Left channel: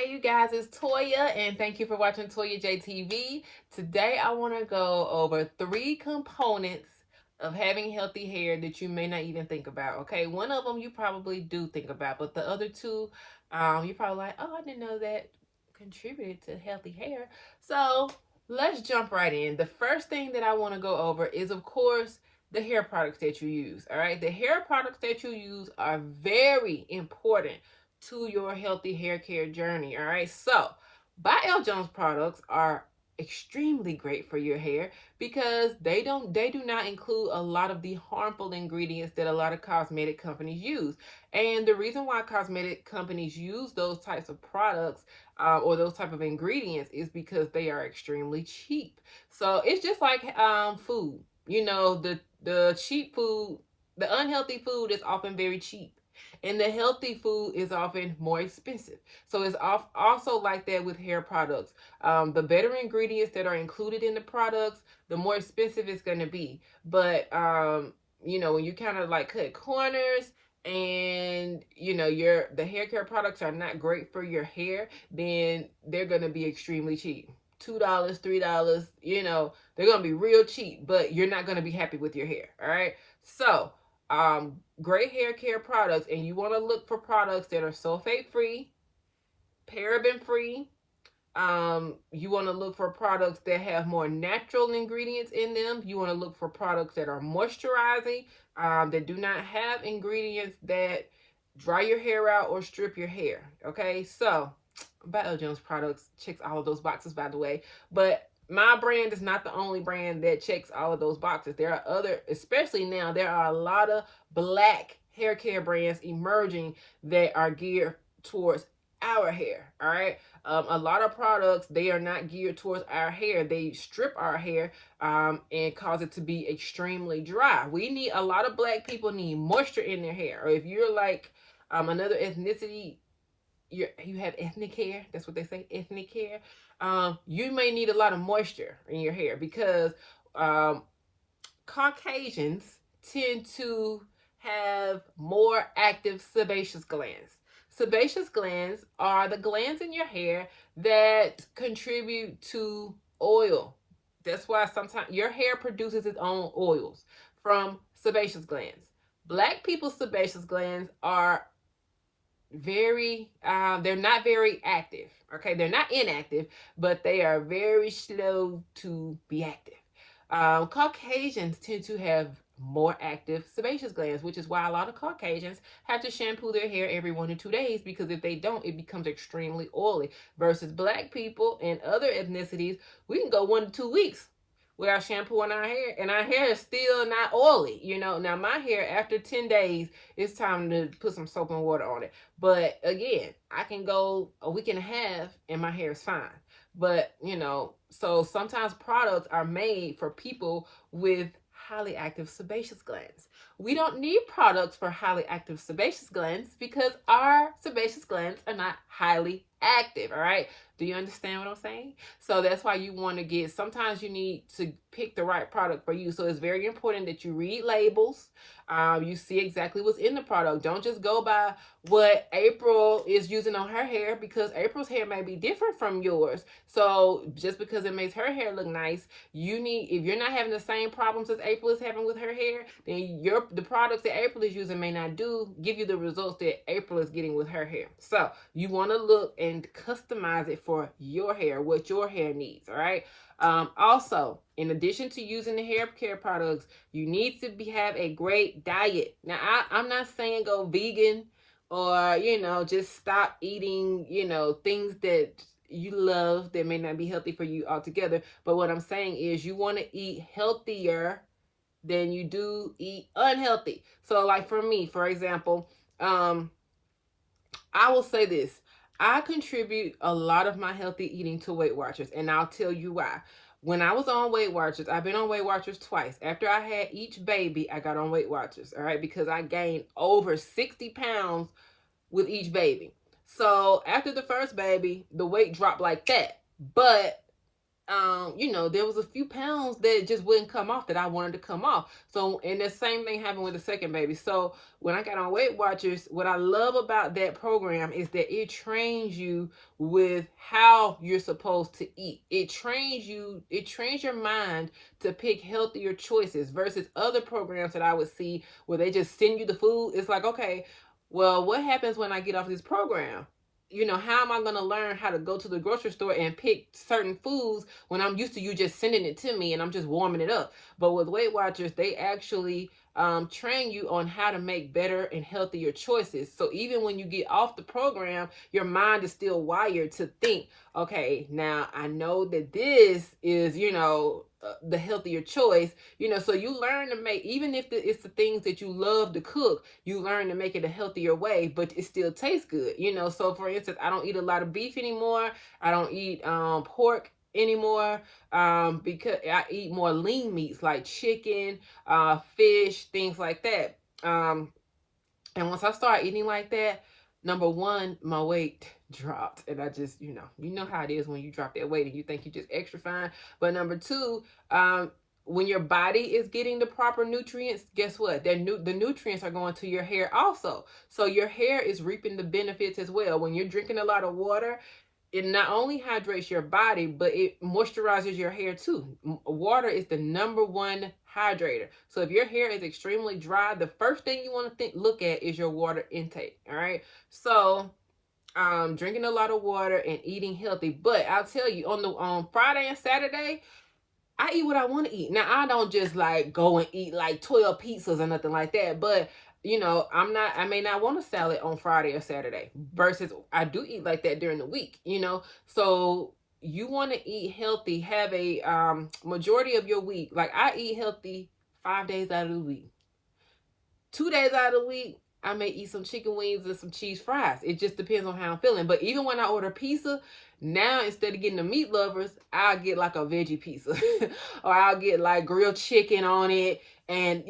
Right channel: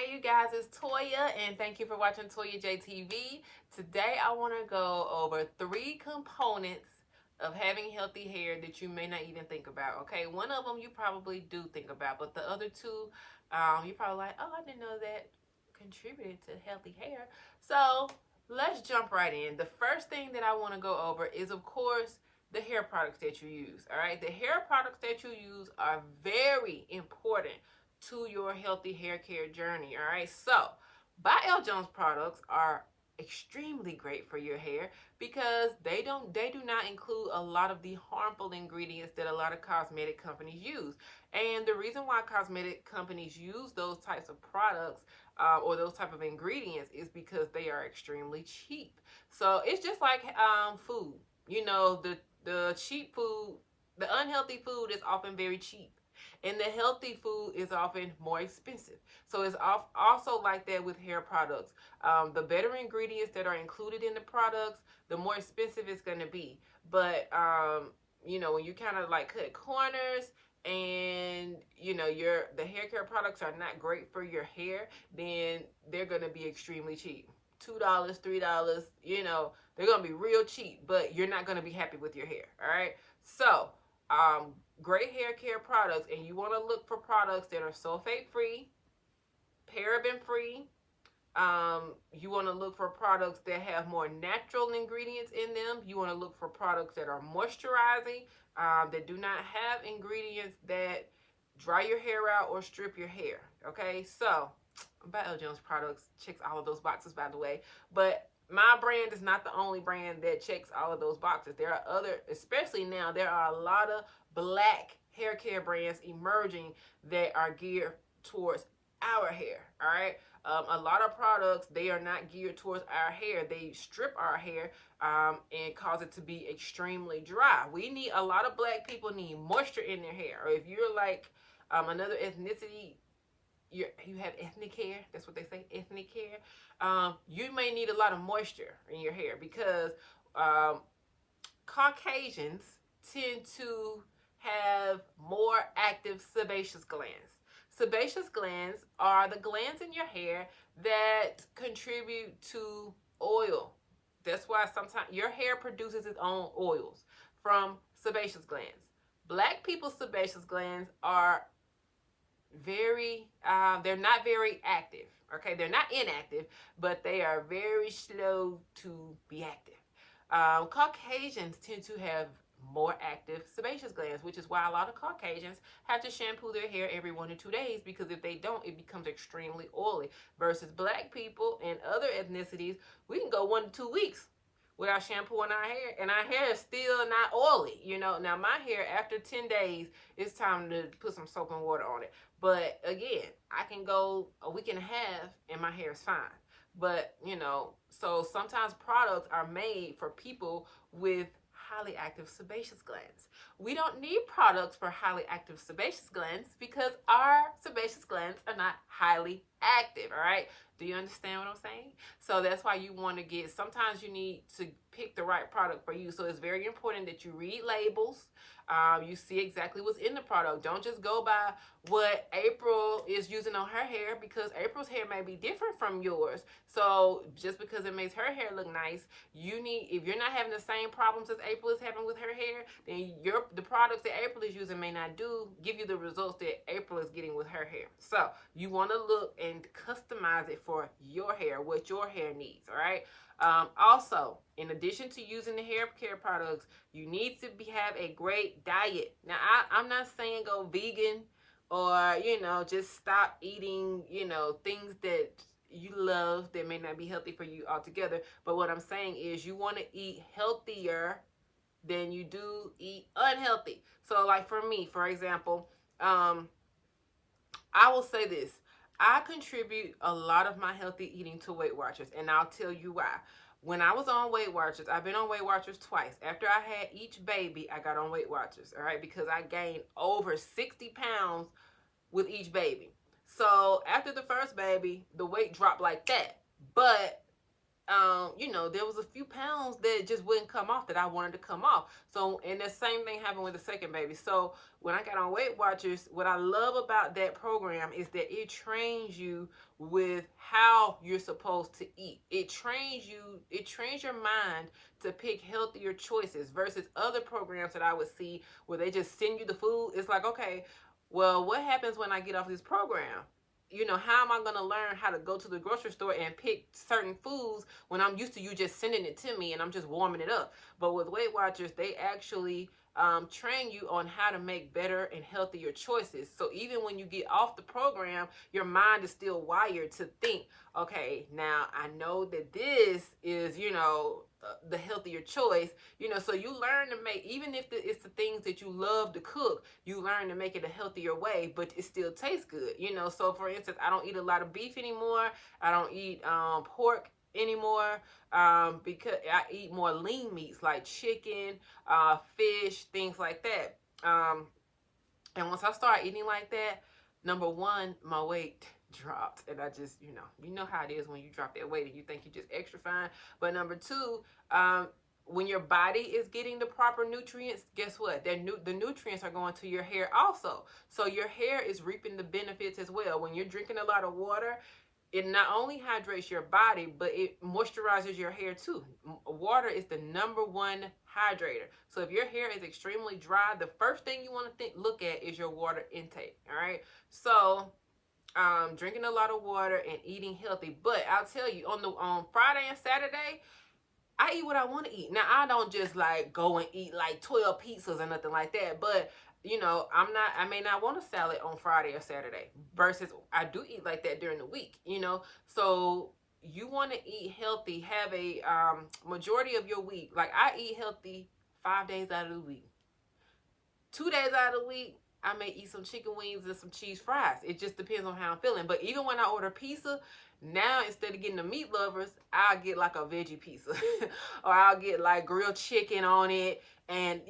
Hey you guys, it's Toya and thank you for watching Toya JTV. Today I want to go over 3 components of having healthy hair that you may not even think about. Okay, one of them you probably do think about, but the other two, you're probably like, oh, I didn't know that contributed to healthy hair. So let's jump right in. The first thing that I want to go over is, of course, the hair products that you use. All right, the hair products that you use are very important to your healthy hair care journey. All right, so By L. Jones products are extremely great for your hair because they do not include a lot of the harmful ingredients that a lot of cosmetic companies use. And the reason why cosmetic companies use those types of products or those type of ingredients is because they are extremely cheap. So it's just like food. You know, the cheap food, the unhealthy food is often very cheap, and the healthy food is often more expensive. So it's also like that with hair products. The better ingredients that are included in the products, the more expensive it's going to be. But when you kind of like cut corners and the hair care products are not great for your hair, then they're going to be extremely cheap. $2, $3, they're going to be real cheap, but you're not going to be happy with your hair. All right. So great hair care products, and you want to look for products that are sulfate free, paraben free. You want to look for products that have more natural ingredients in them. You want to look for products that are moisturizing, that do not have ingredients that dry your hair out or strip your hair. Okay, so By L. Jones products checks all of those boxes, by the way. But my brand is not the only brand that checks all of those boxes. There are other, especially now, there are a lot of black hair care brands emerging that are geared towards our hair. All right. A lot of products, they are not geared towards our hair. They strip our hair and cause it to be extremely dry. A lot of black people need moisture in their hair. Or if you're like another ethnicity, you have ethnic hair. That's what they say, ethnic hair. You may need a lot of moisture in your hair because Caucasians tend to have more active sebaceous glands. Sebaceous glands are the glands in your hair that contribute to oil. That's why sometimes your hair produces its own oils from sebaceous glands. Black people's sebaceous glands are they're not very active. Okay, they're not inactive, but they are very slow to be active. Caucasians tend to have more active sebaceous glands, which is why a lot of Caucasians have to shampoo their hair every 1 to 2 days, because if they don't, it becomes extremely oily. Versus black people and other ethnicities, we can go 1 to 2 weeks without shampooing our hair, and our hair is still not oily. Now my hair, after 10 days, it's time to put some soap and water on it. But again, I can go a week and a half and my hair is fine. But, so sometimes products are made for people with highly active sebaceous glands. We don't need products for highly active sebaceous glands because our sebaceous glands are not highly active, all right? Do you understand what I'm saying? So that's why you want to sometimes you need to pick the right product for you. So it's very important that you read labels. You see exactly what's in the product. Don't just go by what April is using on her hair, because April's hair may be different from yours. So just because it makes her hair look nice, if you're not having the same problems as April is having with her hair, then the products that April is using may not give you the results that April is getting with her hair. So you want to look and customize it for your hair, what your hair needs. All right. Also, in addition to using the hair care products, you need to have a great diet. Now, I'm not saying go vegan or, just stop eating, things that you love that may not be healthy for you altogether. But what I'm saying is you want to eat healthier than you do eat unhealthy. So like for me, for example, I will say this. I contribute a lot of my healthy eating to Weight Watchers, and I'll tell you why. When I was on Weight Watchers, I've been on Weight Watchers twice. After I had each baby, I got on Weight Watchers, all right, because I gained over 60 pounds with each baby. So after the first baby, the weight dropped like that. But there was a few pounds that just wouldn't come off that I wanted to come off. So, and the same thing happened with the second baby. So, when I got on Weight Watchers, what I love about that program is that it trains you with how you're supposed to eat. It trains your mind to pick healthier choices versus other programs that I would see where they just send you the food. It's like, okay, well, what happens when I get off this program? How am I going to learn how to go to the grocery store and pick certain foods when I'm used to you just sending it to me and I'm just warming it up? But with Weight Watchers, they actually train you on how to make better and healthier choices. So even when you get off the program, your mind is still wired to think, okay, now I know that this is, the healthier choice, so you learn to make, even if it's the things that you love to cook, you learn to make it a healthier way, but it still tastes good, so for instance, I don't eat a lot of beef anymore. I don't eat pork anymore, because I eat more lean meats like chicken, fish, things like that. And once I started eating like that, number one, my weight dropped. And I just, you know how it is when you drop that weight and you think you're just extra fine. But number two, when your body is getting the proper nutrients, guess what? The nutrients are going to your hair also. So your hair is reaping the benefits as well. When you're drinking a lot of water, it not only hydrates your body, but it moisturizes your hair too. Water is the number one hydrator. So if your hair is extremely dry, the first thing you want to look at is your water intake. All right. So drinking a lot of water and eating healthy. But I'll tell you, on Friday and Saturday, I eat what I want to eat. Now, I don't just like go and eat like 12 pizzas or nothing like that. But, I may not want a salad on Friday or Saturday versus I do eat like that during the week. So you want to eat healthy, have a majority of your week. Like I eat healthy 5 days out of the week. 2 days out of the week, I may eat some chicken wings and some cheese fries. It just depends on how I'm feeling. But even when I order pizza, now instead of getting the meat lovers, I'll get like a veggie pizza or I'll get like grilled chicken on it. And,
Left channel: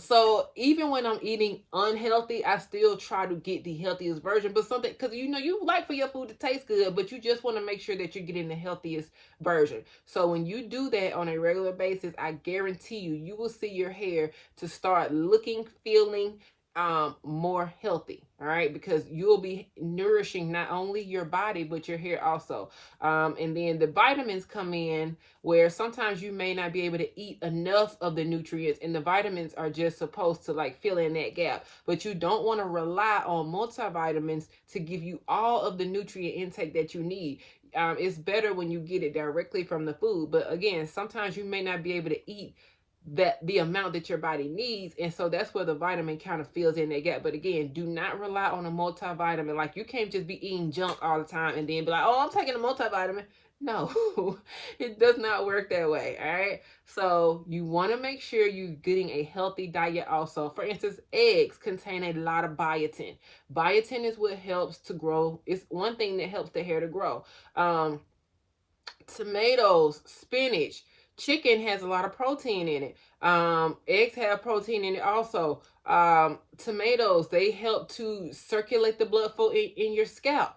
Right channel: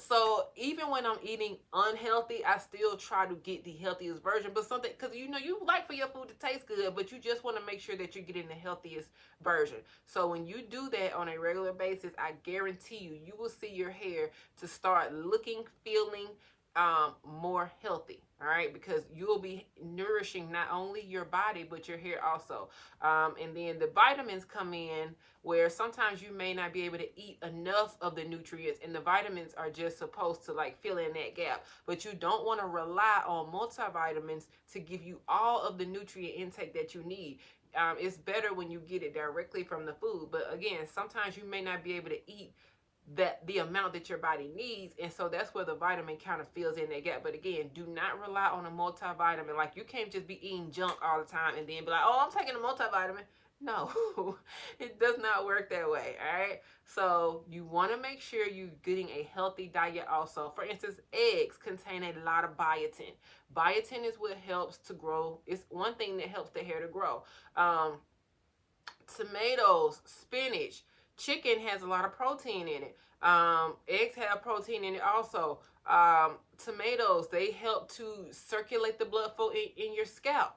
so even when I'm eating unhealthy, I still try to get the healthiest version. But something, because, you like for your food to taste good, but you just want to make sure that you're getting the healthiest version. So when you do that on a regular basis, I guarantee you will see your hair to start looking, feeling, more healthy. All right, because you'll be nourishing not only your body but your hair also. And then the vitamins come in where sometimes you may not be able to eat enough of the nutrients, and the vitamins are just supposed to like fill in that gap. But you don't want to rely on multivitamins to give you all of the nutrient intake that you need. It's better when you get it directly from the food. But again, sometimes you may not be able to eat the amount that your body needs, and so that's where the vitamin kind of fills in that gap. But again, do not rely on a multivitamin. Like you can't just be eating junk all the time and then be like, oh, I'm taking a multivitamin. No, it does not work that way. All right, so you want to make sure you're getting a healthy diet also. For instance, eggs contain a lot of biotin. Biotin is what helps to grow. It's one thing that helps the hair to grow. Tomatoes, spinach, chicken has a lot of protein in it. Eggs have protein in it also. Tomatoes, they help to circulate the blood flow in your scalp.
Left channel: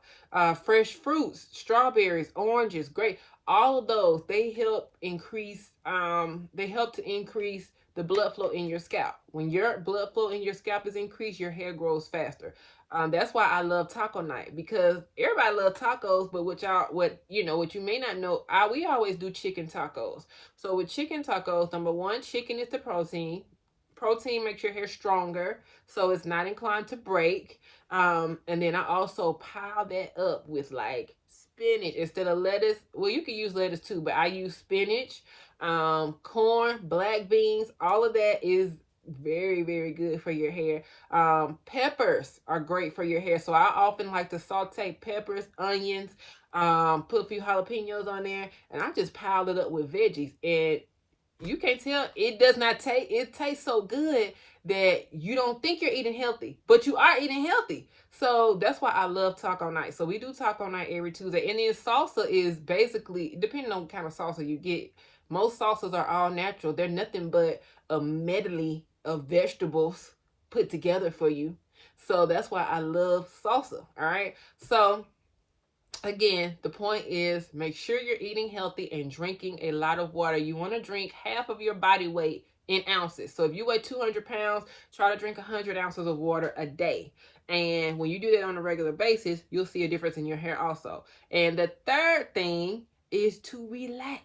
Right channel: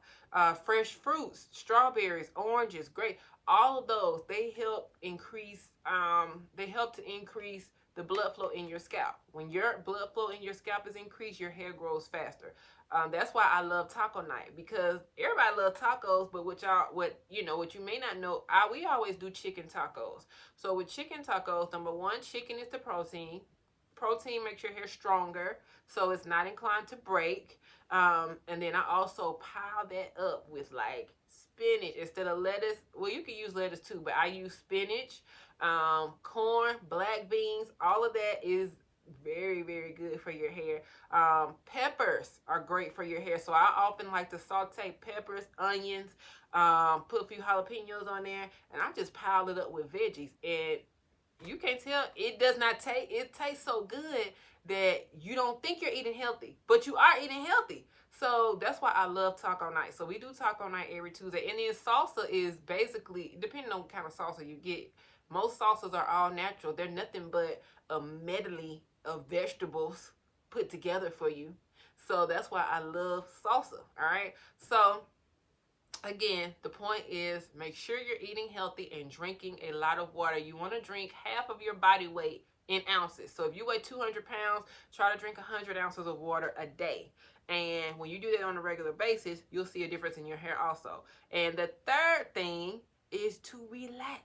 Fresh fruits, strawberries, oranges, grape, all of those, they help increase, to increase the blood flow in your scalp. When your blood flow in your scalp is increased, your hair grows faster. That's why I love taco night, because everybody loves tacos, but what you may not know, we always do chicken tacos. So with chicken tacos, number one, chicken is the protein. Protein makes your hair stronger, so it's not inclined to break. And then I also pile that up with like spinach instead of lettuce. Well, you can use lettuce too, but I use spinach, corn, black beans. All of that is very, very good for your hair. Peppers are great for your hair. So I often like to saute peppers, onions, put a few jalapenos on there, and I just pile it up with veggies. And you can't tell, it does not taste, it tastes so good that you don't think you're eating healthy, but you are eating healthy. So that's why I love taco night. So we do taco night every Tuesday. And then salsa is basically, depending on what kind of salsa you get, most salsas are all natural. They're nothing but a medley of vegetables put together for you. So that's why I love salsa. All right. So Again, the point is make sure you're eating healthy and drinking a lot of water. You want to drink half of your body weight in ounces. So if you weigh 200 pounds, try to drink 100 ounces of water a day. And when you do that on a regular basis, you'll see a difference in your hair also. And the third thing is to relax.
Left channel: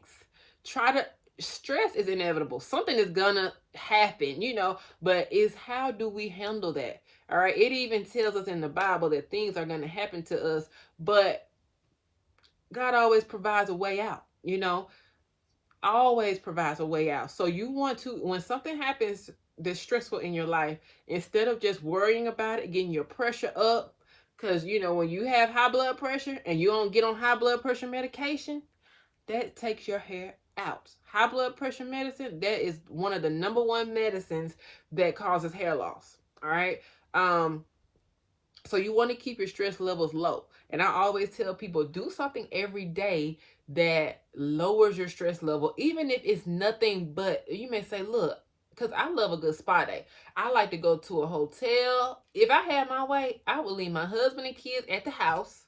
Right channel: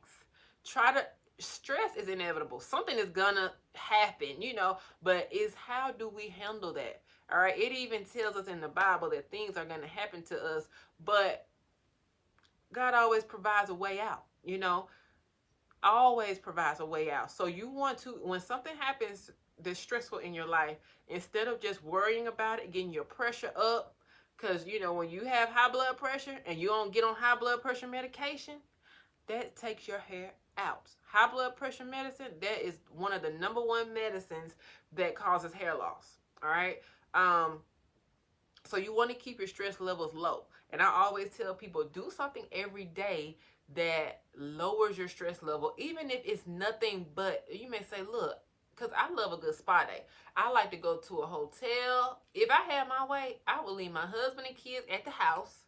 Try to, stress is inevitable. Something is gonna happen, but it's how do we handle that? All right. It even tells us in the Bible that things are gonna happen to us, but God always provides a way out, always provides a way out. So you want to, when something happens that's stressful in your life, instead of just worrying about it, getting your pressure up, because, when you have high blood pressure and you don't get on high blood pressure medication, that takes your hair out. High blood pressure medicine, that is one of the number one medicines that causes hair loss. All right. So you want to keep your stress levels low. And I always tell people, do something every day that lowers your stress level, even if it's nothing but, you may say, look, because I love a good spa day. I like to go to a hotel. If I had my way, I would leave my husband and kids at the house,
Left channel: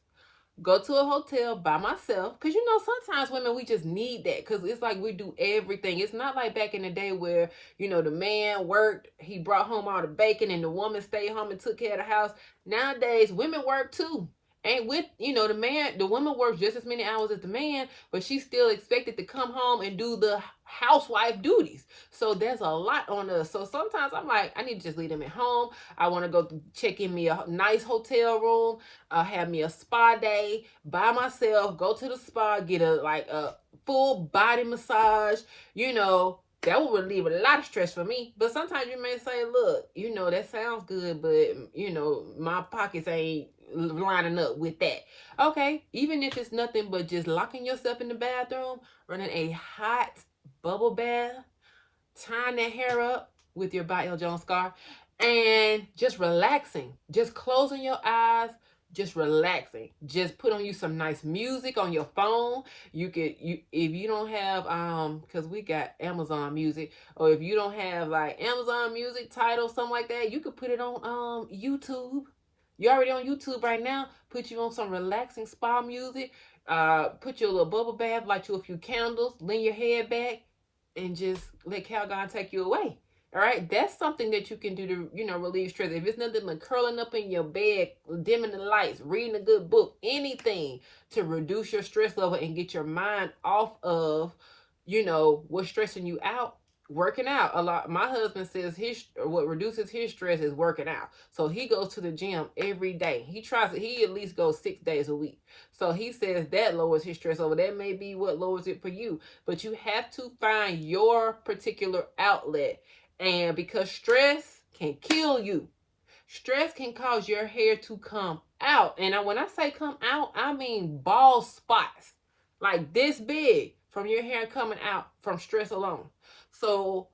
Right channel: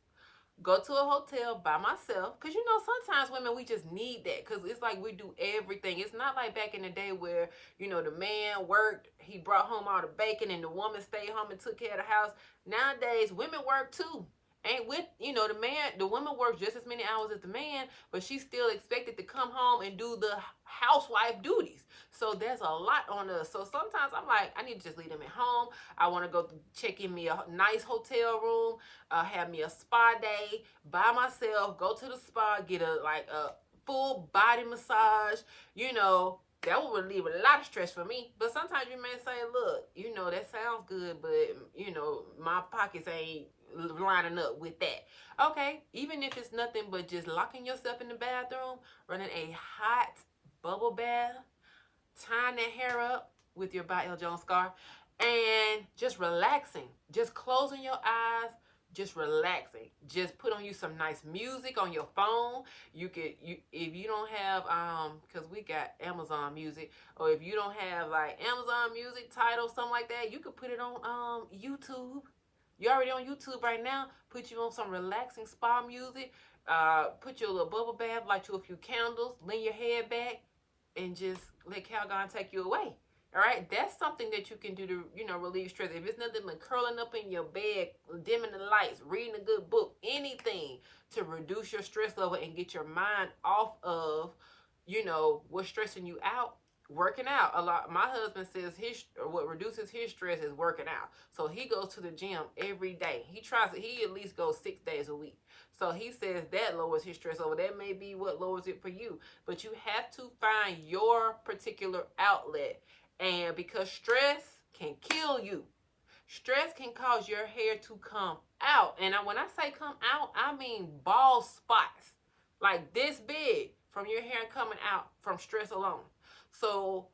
go to a hotel by myself, because sometimes women, we just need that, because it's like we do everything. It's not like back in the day where the man worked, he brought home all the bacon, and the woman stayed home and took care of the house. Nowadays women work too, ain't with the woman works just as many hours as the man, but she's still expected to come home and do the housewife duties. So there's a lot on us. So sometimes I'm like, I need to just leave them at home. I want to go check in me a nice hotel room, have me a spa day by myself, go to the spa, get a full body massage. That would relieve a lot of stress for me. But sometimes you may say, look, that sounds good, but my pockets ain't lining up with that. Okay, even if it's nothing but just locking yourself in the bathroom, running a hot bubble bath, tying that hair up with your By L. Jones scarf, and just relaxing, just closing your eyes, just relaxing. Just put on you some nice music on your phone. If you don't have because we got Amazon Music, or if you don't have like Amazon Music, Tidal, something like that, you could put it on YouTube. You're already on YouTube right now. Put you on some relaxing spa music. Put your little bubble bath, light you a few candles, lean your head back, and just let Calgon take you away. All right, that's something that you can do to, relieve stress. If it's nothing but curling up in your bed, dimming the lights, reading a good book, anything to reduce your stress level and get your mind off of, what's stressing you out. Working out a lot. My husband says what reduces his stress is working out. So he goes to the gym every day. He at least goes 6 days a week. So he says that lowers his stress level. That may be what lowers it for you. But you have to find your particular outlet. And because stress can kill you. Stress can cause your hair to come out. And when I say come out, I mean bald spots. Like this big from your hair coming out from stress alone. So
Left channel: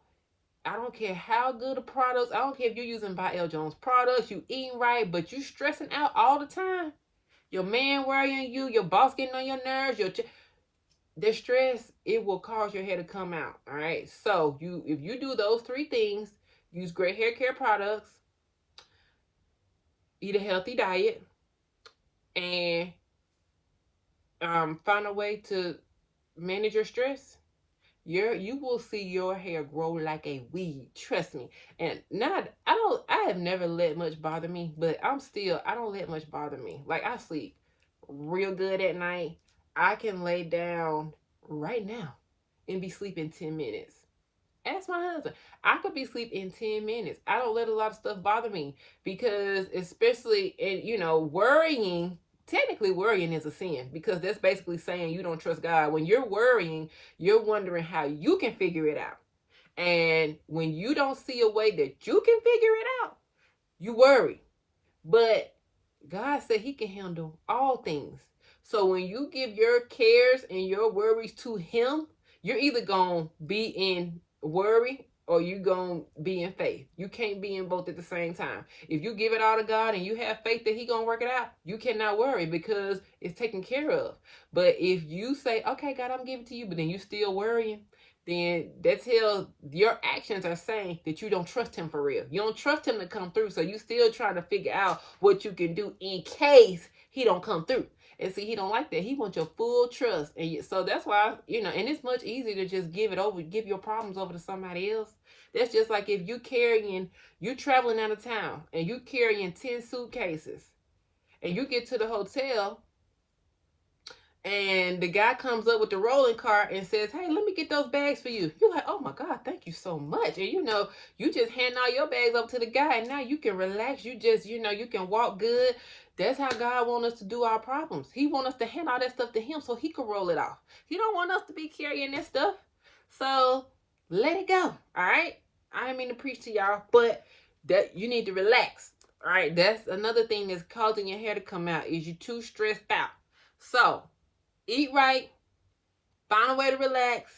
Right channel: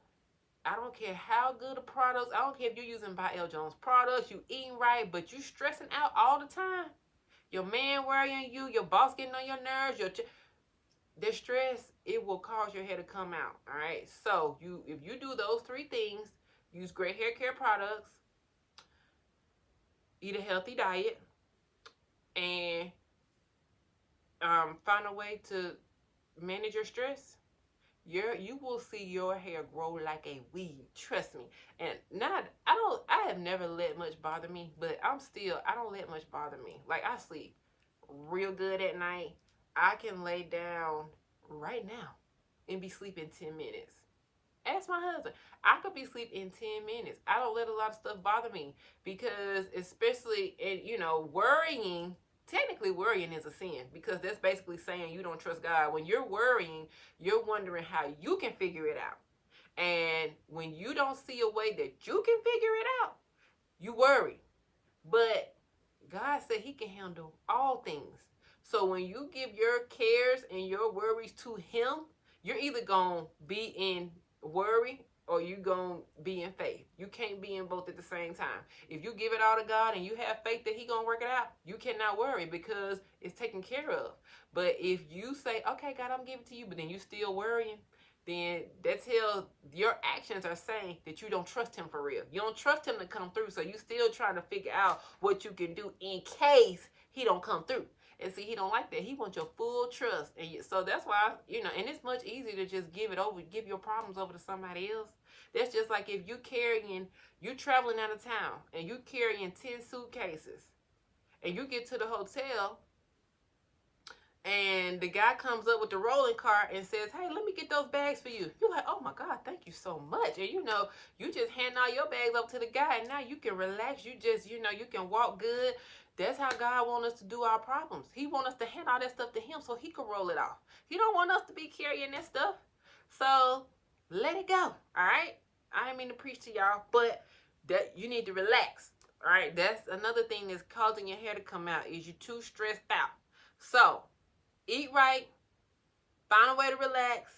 I don't care how good the products, I don't care if you're using By L. Jones products, you eating right, but you stressing out all the time. Your man worrying you, your boss getting on your nerves, the stress, it will cause your hair to come out. All right. So if you do those 3 things, use great hair care products, eat a healthy diet, and find a way to manage your stress, you will see your hair grow like a weed. Trust me. And now I have never let much bother me, but I don't let much bother me. Like I sleep real good at night. I can lay down right now and be sleeping 10 minutes. Ask my husband. I could be asleep in 10 minutes. I don't let a lot of stuff bother me, because especially worrying, technically worrying is a sin, because that's basically saying you don't trust God. When you're worrying, you're wondering how you can figure it out. And when you don't see a way that you can figure it out, you worry. But God said he can handle all things. So when you give your cares and your worries to him, you're either going to be in worry or you're going to be in faith. You can't be in both at the same time. If you give it all to God and you have faith that he's going to work it out, you cannot worry because it's taken care of. But if you say, okay, God, I'm giving it to you, but then you still worrying, then that tells your actions are saying that you don't trust him for real. You don't trust him to come through. So you still trying to figure out what you can do in case he don't come through. And see, he don't like that. He wants your full trust. And so that's why, and it's much easier to just give your problems over to somebody else. That's just like if you traveling out of town and you carrying 10 suitcases and you get to the hotel and the guy comes up with the rolling cart and says, "Hey, let me get those bags for you." You're like, "Oh my God, thank you so much." And you just hand all your bags up to the guy and now you can relax. You just, you can walk good. That's how God wants us to do our problems. He wants us to hand all that stuff to him so he can roll it off. He don't want us to be carrying that stuff. So let it go. All right. I didn't mean to preach to y'all, but that you need to relax. All right. That's another thing that's causing your hair to come out is you too stressed out. So eat right, find a way to relax,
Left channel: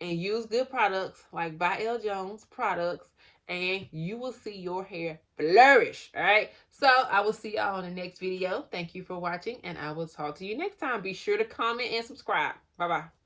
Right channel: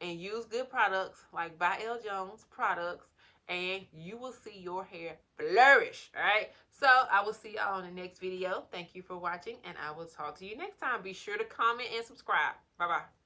and use good products like by L. Jones products, and you will see your hair flourish. All right. So I will see y'all on the next video. Thank you for watching, and I will talk to you next time. Be sure to comment and subscribe. Bye-bye.